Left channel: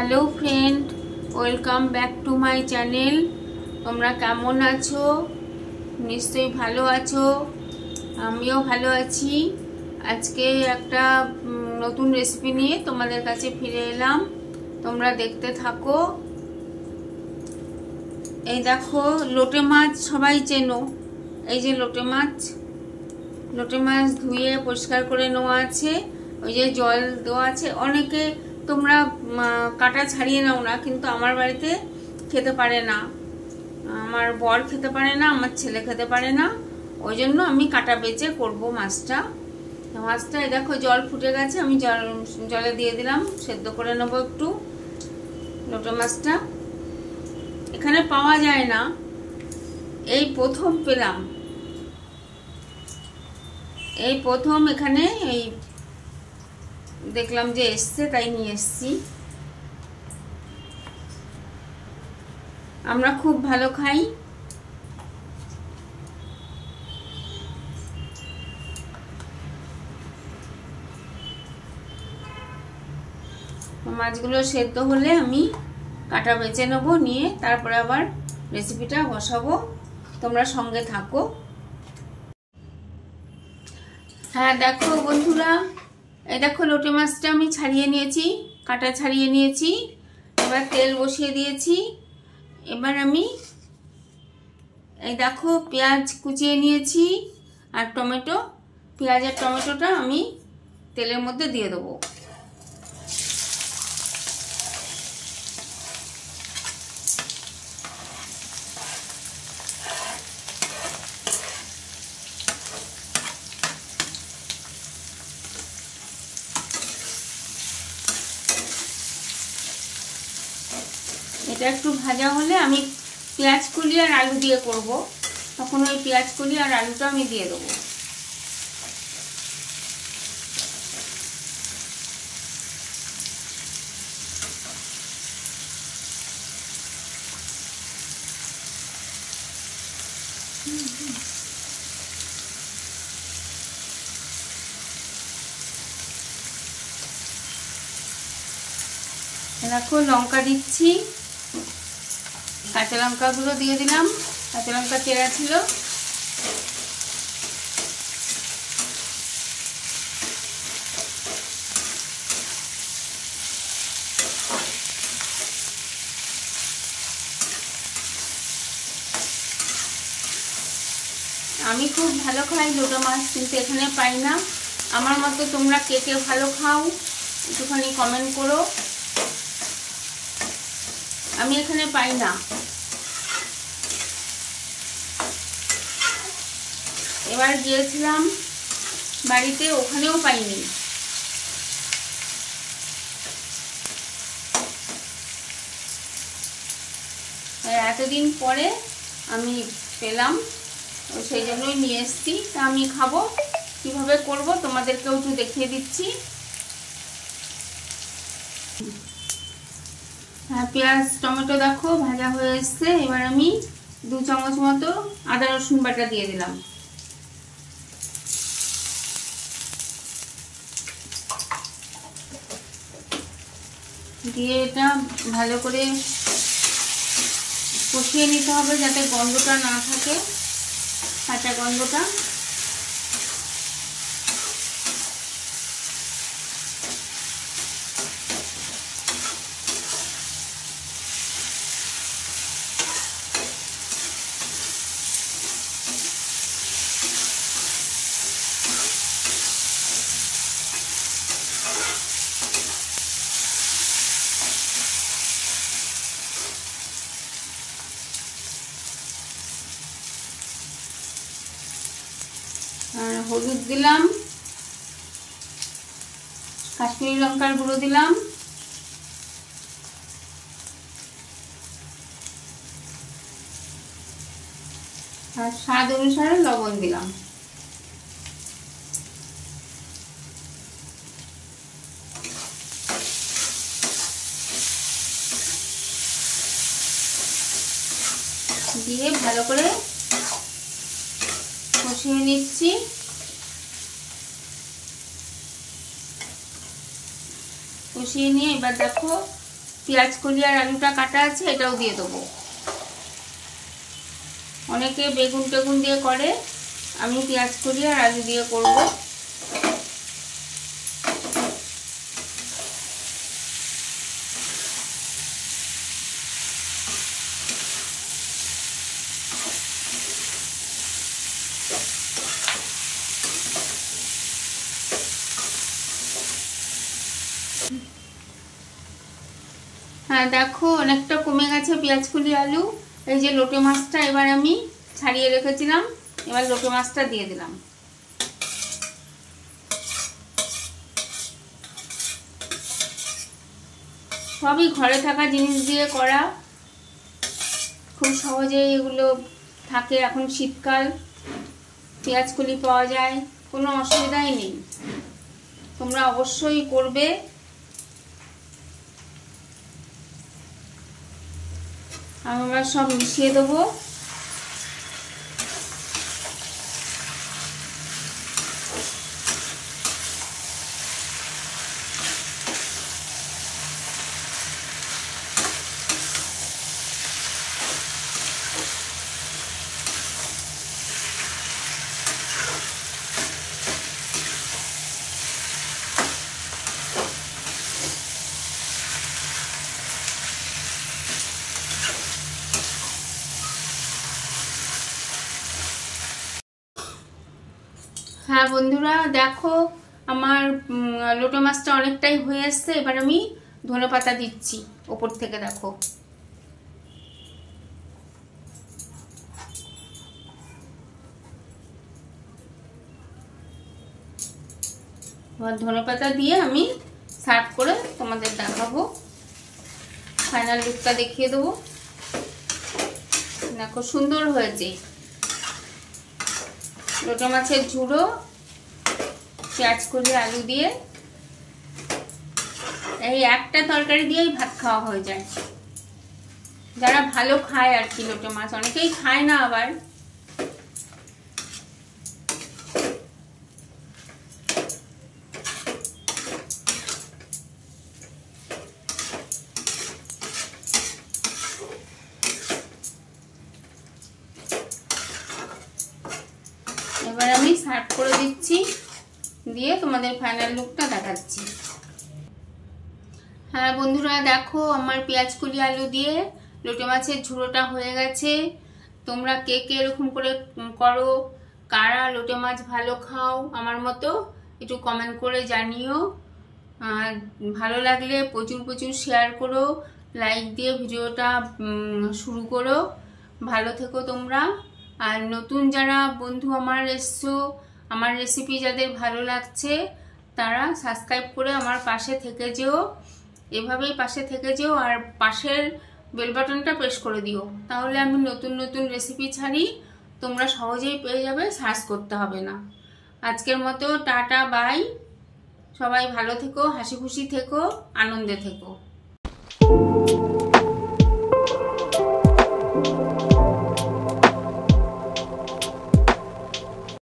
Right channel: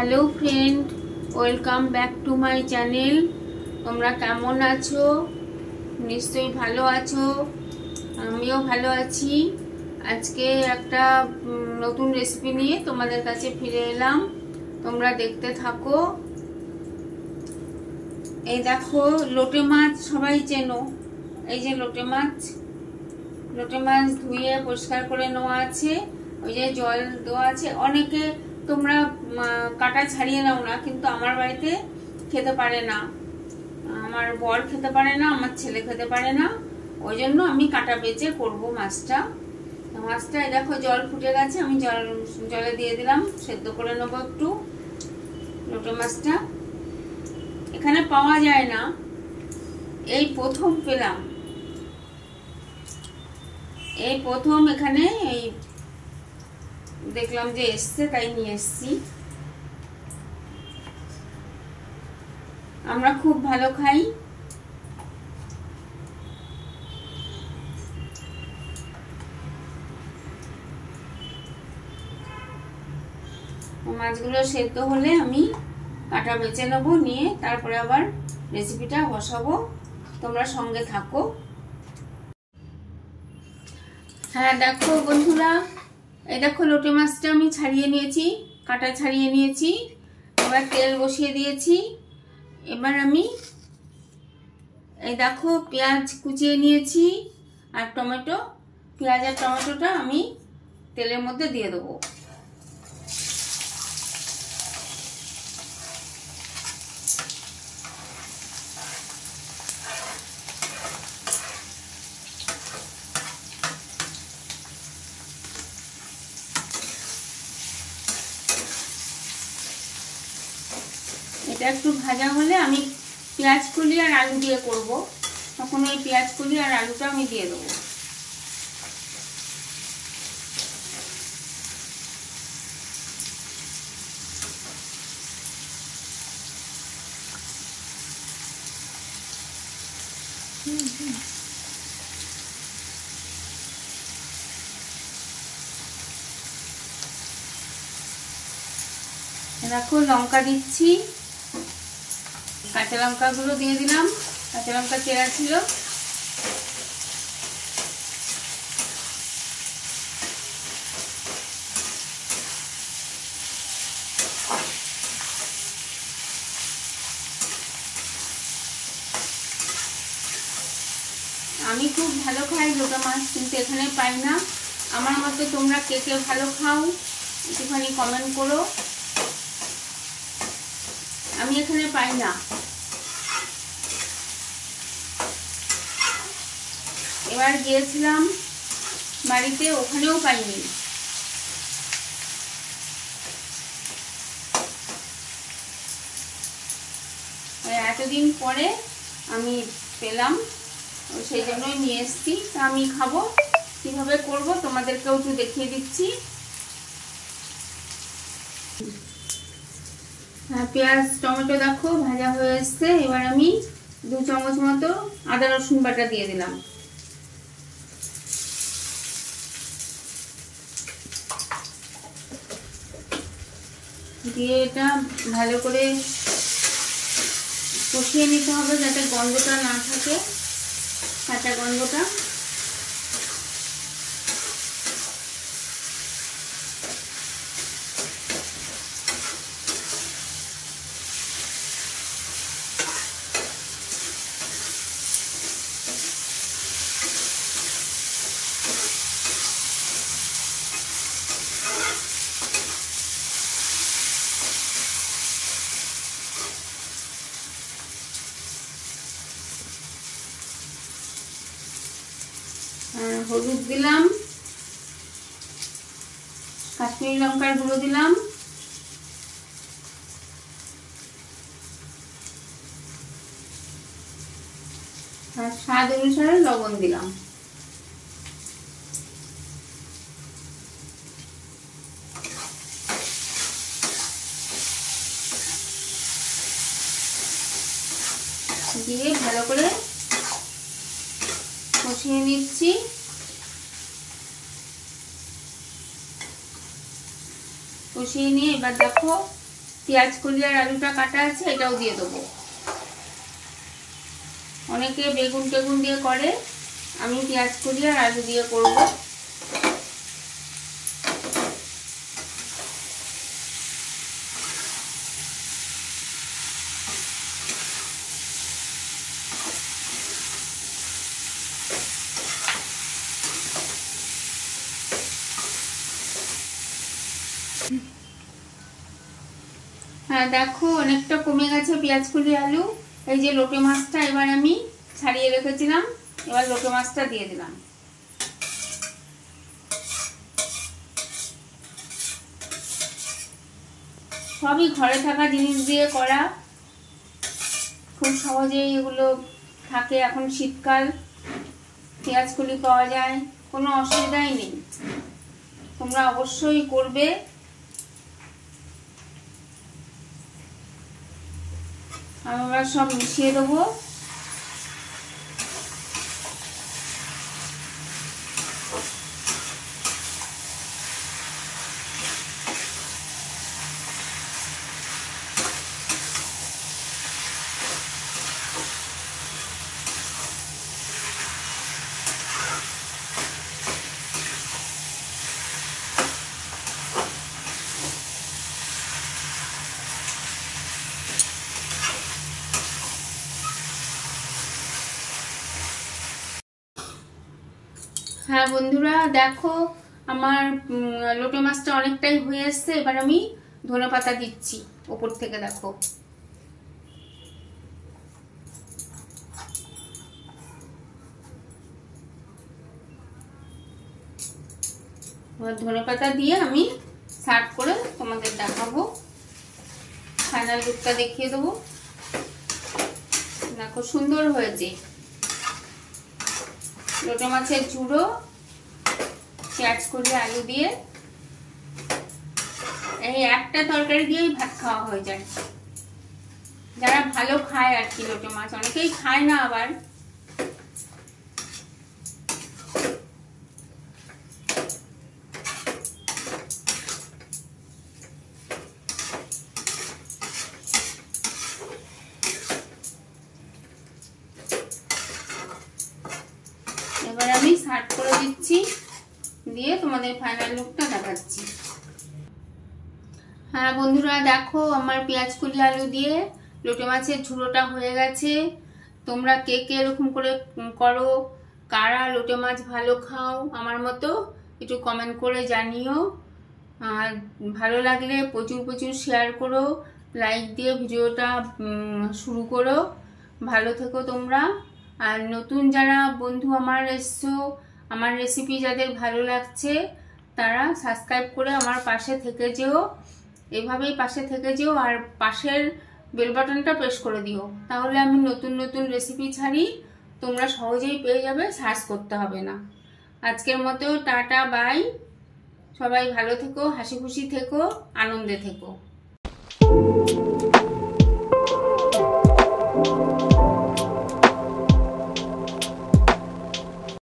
Hello friend, welcome back to my channel. তোমরা কেমন আছো? নিশ্চয়ই ভালো আছো, আমিও ভালো আছি। আজকে একটা নতুন রেসিপি নিয়ে তোমাদের কাছে ফিরে এলাম, তোমরা দেখতে থাকো। এই দেখো, লোটে মাছ সবাই চেনো। এই যে লোটে মাছ ধুয়ে পরিষ্কার করে নেওয়া আছে, ওই যে জল দেওয়া আছে। অনেকে তোমরা কাটা ছাড়িয়ে নাও না, কিন্তু আমার বাড়িতে খেতে পারে না, আমার বর খেতে পারে না, আমার ছেলে খেতে পারে না, ওই জন্য আমি কাটা বেচে করবো মাছটা। এই দেখো জল ফুটে গেছে, আমি জলে দিয়ে দিলাম, সেদ্ধ করে নেবো একটু। লোটে মাছটা এখানে পাওয়া যায় না, এই প্রথম পেলাম, এই প্রথম এখানে এই দেখলাম যে এসছে, তাই নিয়ে এসছি। আমরা খুব ভালো খাই। মাছগুলো সেদ্ধ হলে আমি কাটা বেছে নেবো, নিয়ে তারপরে আবার রেসিপিটা বসাবো। তোমরা সঙ্গে থাকো। হ্যাঁ দেখো বন্ধুরা, এই দেখো লোটে মাছটা আমি ছাড়িয়ে নিয়েছি, কাটা ছাড়িয়ে নিয়েছি। এবার তেল বসিয়ে দিয়েছি। এবার আমি এই দেখো পেঁয়াজ কুচিয়ে নিয়েছি আর টমেটো, পেঁয়াজ আর টমেটোটা আমি তেলের মধ্যে দিয়ে দেবো। এটা একটু ভাজা হলে আমি পেঁয়াজ কুলি আর আলু দিয়ে করব, তখন ওই পেঁয়াজ কুলি আর আলুটা আমি দিয়ে দেবো। দেখো লঙ্কা দিচ্ছি, কাঁচা লঙ্কাগুলো দিয়ে দিলাম, কাঁচা লঙ্কা চেরা ছিল। আমি খুব ভালো খাই লোটে মাছ, কিন্তু এখানে পাই না। আমার মতো তোমরা কে কে ভালো খাও একটুখানি কমেন্ট করো। আমি এখানে পাই না। এবার গিয়েছিলাম বাড়িতে, ওখানেও পাইনি। এতদিন পরে আমি পেলাম, সেই জন্যই নিয়ে এসেছি। তা আমি খাবো, কিভাবে করব তোমাদেরকেও একটু দেখিয়ে দিচ্ছি। পেঁয়াজ টমেটো দেখো ভাজা হয়ে এসছে। এবার আমি 2 চামচ মতো আদা রসুন বাটা দিয়ে দিলাম। দিয়ে এটা ভালো করে কষিয়ে নিতে হবে, যাতে গন্ধটা না থাকে, কাঁচা গন্ধটা। হলুদ দিলাম, কাশ্মীরি লঙ্কার গুঁড়ো দিলাম, আর স্বাদ অনুসারে লবণ দিলাম। দিয়ে ভালো করে কষিয়ে নিচ্ছি। কষিয়ে নিয়ে এবার দেখো পেঁয়াজ কলি আর আলুটা কাটা আছে, এটাও দিয়ে দেবো। অনেকে বেগুন টেগুন দিয়ে করে, আমি পেঁয়াজ কলি আর আলু দিয়ে করব। হ্যাঁ দেখো অনেকটা কমে গেছে পেঁয়াজ কলি আলু। এই যে লোটে মাছটা এবার আমি ছাড়িয়ে রেখেছিলাম, এবার লোটে মাছটা দিয়ে দিলাম। সবই ঘরে থাকা জিনিস দিয়ে করা, খুব সহজেই এগুলো থাকে। এখন শীতকাল, পেঁয়াজ কলি পাওয়া যায়, কোনো অসুবিধাই নেই। তোমরা অবশ্যই করবে। আমরা সব মিশিয়ে দেবো। হ্যাঁ বন্ধুরা দেখো আমার লোটে মাছটা অনেকটাই হয়ে আসছে। এবার আমি ধনেপাতা দিচ্ছি ওপর থেকে। দেখো এবার ধনেপাতা দিয়ে আমি সার্ভ করে তোমাদের দেখাবো, ফাইনাল লুকটা দেখিয়ে দেবো। দেখো সুন্দর হয়েছে লোটে মাছের ঝুড়ো পেঁয়াজ কলি আলু দিয়ে। এই একটা তরকারি দিয়েই ভাত খাওয়া হয়ে যায়, যারা ভালো খায় আর কি। লোটে মাছ অনেকেই খায় না আবার। এবার আমি সার্ভ করে দিচ্ছি, দিয়ে তোমাদের ফাইনাল লুকটা দেখাচ্ছি। হ্যাঁ বন্ধুরা দেখো আমার পেঁয়াজ কলি আলু দিয়ে লোটে মাছের ঝুড়োটা হয়ে গেছে। তোমরা কে কে এরকম করে করো, কারা লোটে মাছ ভালো খাও আমার মতো, একটু কমেন্ট করে জানিও। আর ভালো লাগলে প্রচুর প্রচুর শেয়ার করো, লাইক দিয়ে ভিডিওটা শুরু করো। ভালো থেকো তোমরা। আর নতুন যারা বন্ধু আমার এসছো, আমার রেসিপি যাদের ভালো লাগছে তারা সাবস্ক্রাইব করে আমার পাশে থেকে যেও, এভাবেই পাশে থেকে যেও। আর পাশের বেল বাটনটা প্রেস করে দিও, তাহলে আমি নতুন নতুন রেসিপি ছাড়ি তোমরা সহজেই পেয়ে যাবে, সার্চ করতে হবে না। আজকের মতো টাটা বাই। সবাই ভালো থেকো, হাসি খুশি থেকো, আনন্দে থেকো।